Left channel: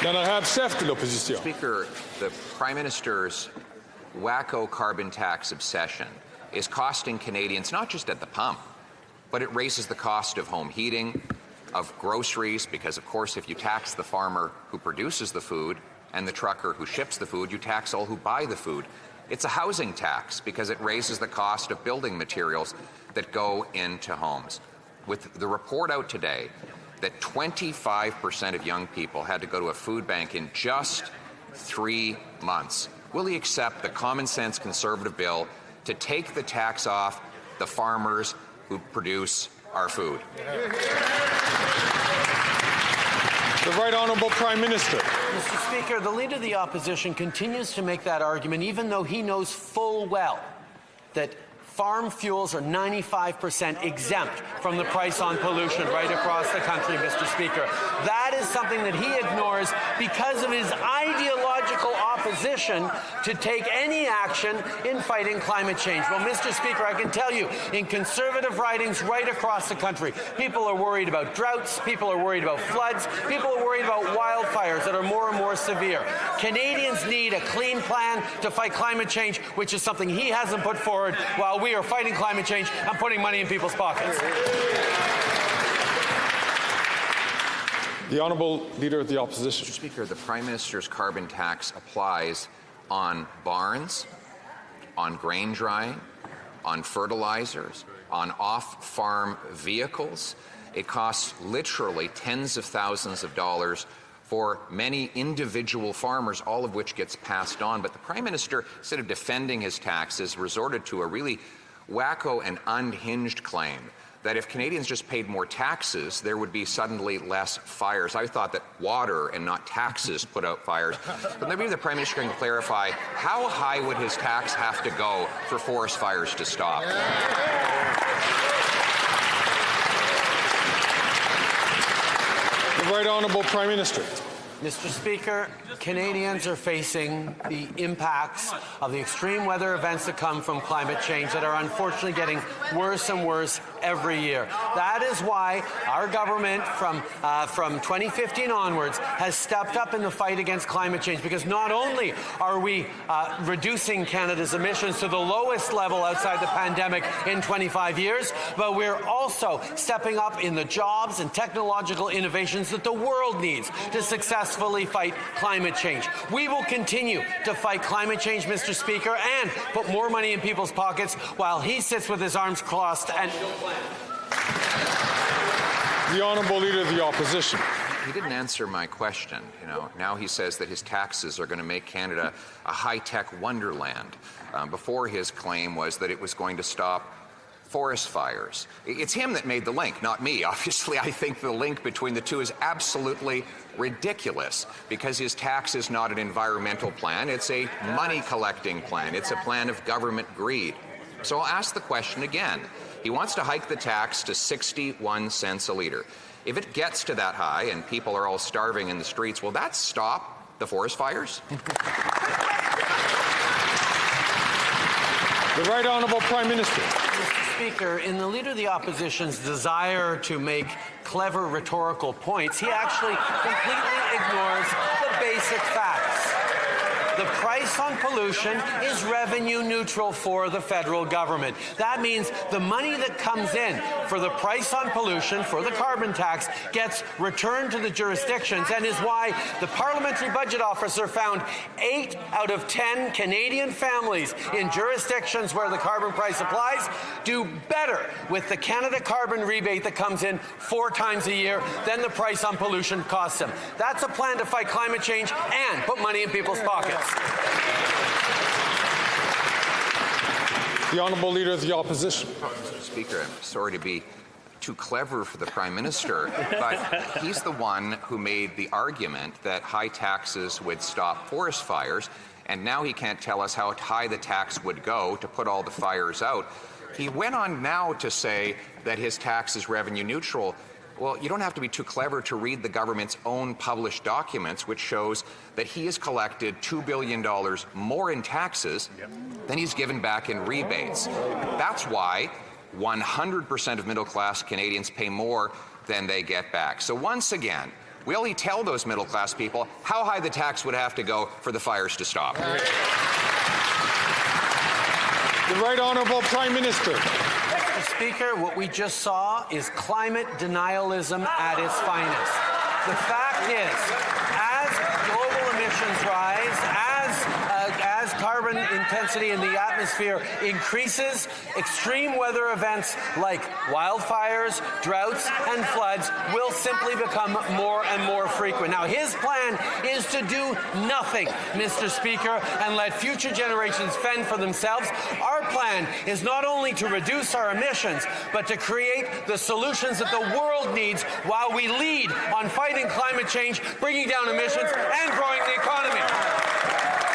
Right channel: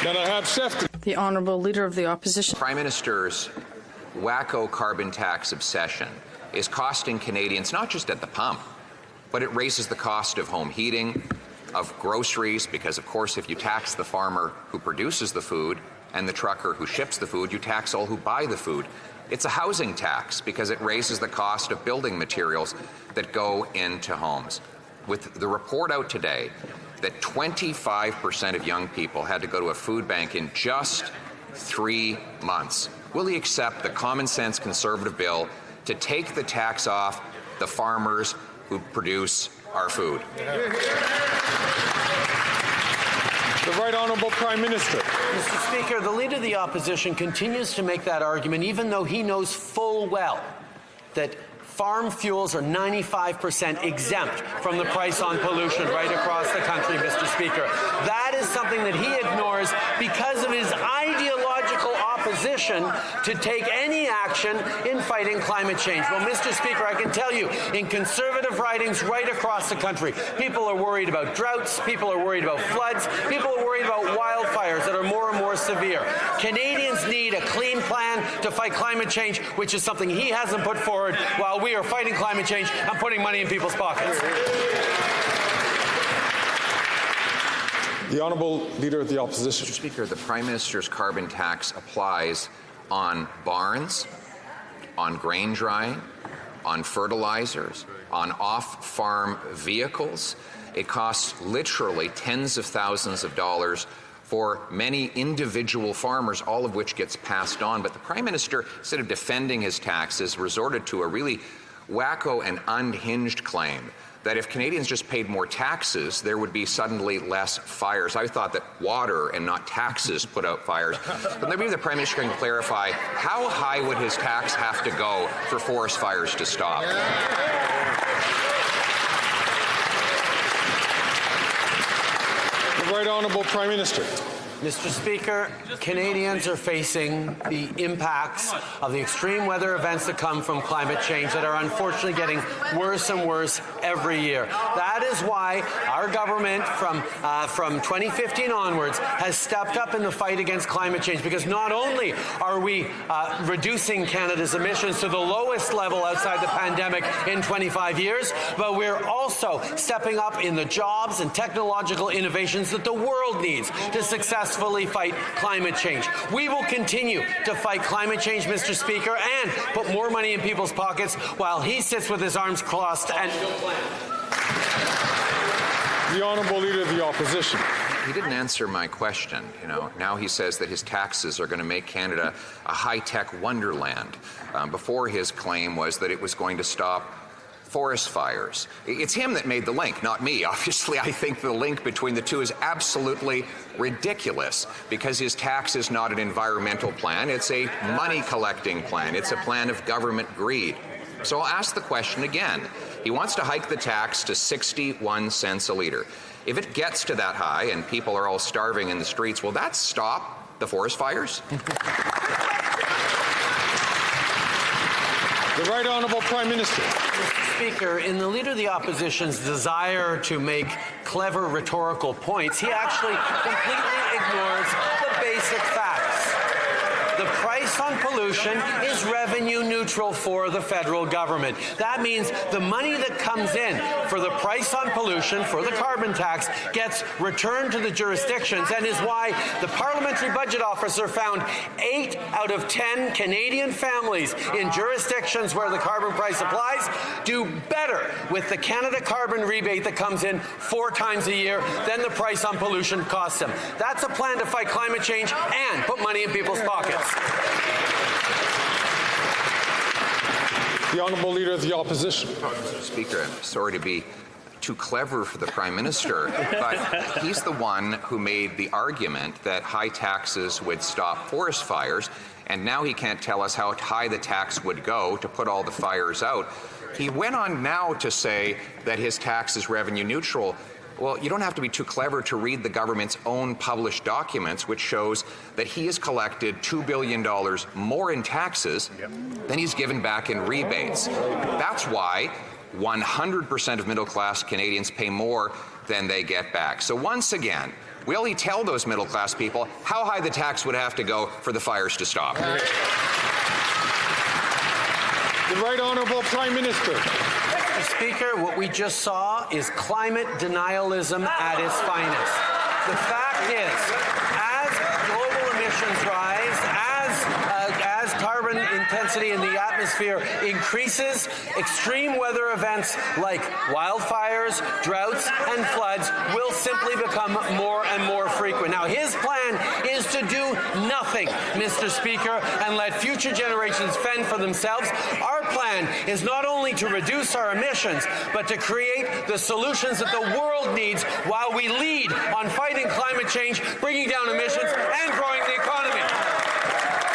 The Honourable Leader of the Opposition. The Prime Minister's wacko carbon tax obsession is costing Canadians not just at the pump, but it raises the cost of home heating, of groceries, because of course if you tax the farmer who produces the food and the trucker who ships the food, you tax all who buy the food. It's a housing tax because it raises the cost of building materials that go into homes. With the report out today that 25% of young people had to go to a food bank in just 3 months, will he accept the common sense Conservative bill to take the tax off the farmers who produce our food? The Right Honourable Prime Minister. Mr. Speaker, the Leader of the Opposition continues to make that argument even though he knows full well that farm fuels are 95% exempt from the price on pollution right across the country, Mr. Speaker. That is something that he ignores because of his ideological opposition to take any action in fighting climate change. Well, Mr. Speaker, I can tell you, in Conservative ridings right across the country, people are worried about droughts, people are worried about floods, people are worried about wildfires that are more and more severe. Canadians need a clean plan to fight climate change, which is something he hasn't put forward while we are fighting climate change and putting money in people's pockets. The Honourable Leader of the Opposition. Mr. Speaker, the Prime Minister's carbon tax applies on barns, on grain drying, on fertilizers, on off-farm vehicles. It costs literally tens of thousands of dollars for many individual farmers, all of which gets passed on. But the Prime Minister, instead of defending his taxes, resorted to a really wacko and unhinged claim that if Canadians just paid more taxes, there would be suddenly less fires. I thought that water and not taxes put out fires. But maybe the Prime Minister can clarify, how high would his tax have to go for forest fires to stop? The Right Honourable Prime Minister. Mr. Speaker, Canadians are facing the impacts of the extreme weather events that come from climate change that are unfortunately getting worse and worse every year. That is why our government from 2015 onwards has stepped up in the fight against climate change, because not only are we reducing Canada's emissions to the lowest level outside the pandemic in 25 years, but we're also stepping up in the jobs and technological innovations that the world needs to successfully fight climate change. We will continue to fight climate change, Mr. Speaker, and put more money in people's pockets while he sits with his arms crossed and no plan. The Honourable Leader of the Opposition. He didn't answer my question. Now he says that his taxes are going to make Canada a high-tech wonderland. Before, his claim was that it was going to stop forest fires. It's him that made the link, not me. Obviously, I think the link between the two is absolutely ridiculous because his tax is not an environmental plan. It's a money-collecting plan. It's a plan of government greed. So I'll ask the question again. He wants to hike the tax to 61 cents a litre. If it gets to that high and people are all starving in the streets, will that stop the forest fires? The Right Honourable Prime Minister. Mr. Speaker, in the Leader of the Opposition's desire to make clever rhetorical points, he actually completely ignores the basic facts. The price on pollution is revenue neutral for the federal government. That means the money that comes in for the price on pollution, for the carbon tax, gets returned to the jurisdictions, and is why the Parliamentary Budget Officer found 8 out of 10 Canadian families in jurisdictions where the carbon price applies do better with the Canada carbon rebate that comes in 4 times a year than the price on pollution costs them. That's a plan to fight climate change and put money in people's pockets. The Honourable Leader of the Opposition. Mr. Speaker, I'm sorry to be too clever for the Prime Minister, but he's the one who made the argument that high taxes would stop forest fires, and now he can't tell us how high the tax would go to put all the fires out. He went on now to say that his tax is revenue neutral. Well, you don't have to be too clever to read the government's own published documents, which shows that he has collected $2 billion more in taxes than he's given back in rebates. That's why 100% of middle-class Canadians pay more than they get back. So once again, will he tell those middle-class people how high the tax would have to go for the fires to stop? The Right Honourable Prime Minister. Mr. Speaker, what we just saw is climate denialism at its finest. The fact is, as global emissions rise, as carbon intensity in the atmosphere increases, extreme weather events like wildfires, droughts, and floods will simply become more and more frequent. Now, his plan is to do nothing, Mr. Speaker, and let future generations fend for themselves. Our plan is not only to reduce our emissions, but to create the solutions that the world needs while we lead on fighting climate change, bringing down emissions, and